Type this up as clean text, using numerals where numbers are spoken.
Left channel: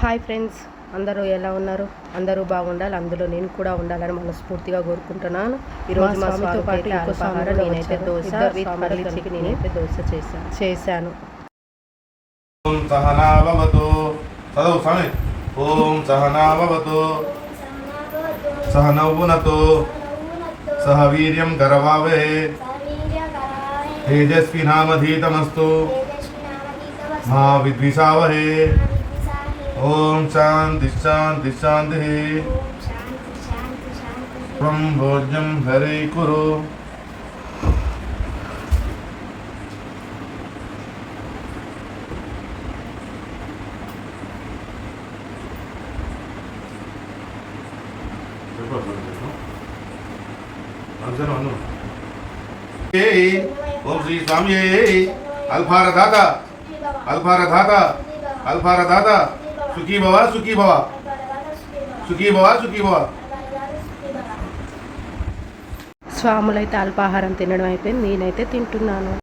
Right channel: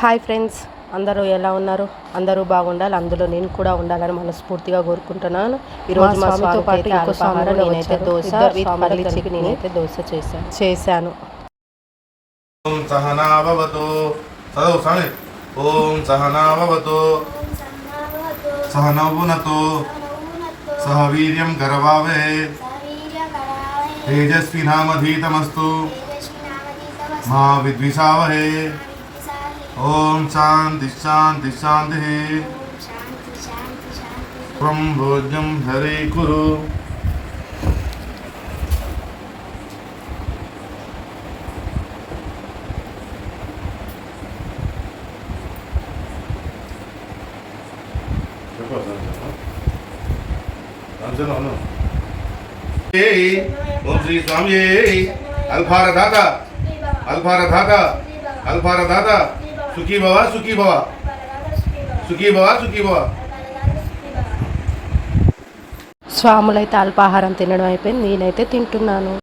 Hi friends, అందరూ ఎలా ఉన్నారు? అందరూ బాగుండాలి, అందులో నేను కూడా ఉండాలని మనస్ఫూర్తిగా కోరుకుంటున్నాను. ఈరోజు మా స్వామితో పాటు ఇంకో స్వామితో నేనైతే దోశ విత్ పల్లి చట్నీ నేనైతే దోశ చేశాను. ఓం సహనా భవతు చదువు స్వామి. ఓం సహనా భవతు సహనౌ భునక్తు సహ వీర్యం కరవావహై తేజస్వినావధీతమస్తు మా విద్విషావహై. ఓం శాంతి శాంతి శాంతి. త్వం భోజ్యం హరి కురు. ఓం శ్రీ స్వామి అల్ఫారదాత అల్ఫారదాత అల్ఫారదాత సుఖీ భవ సుఖీ భవ సుఖీ భవ సుఖీ భవ. స్వాములైతే అల్పాహారం తినడం అయిపోయింది, నేనైతే తింటున్నాను.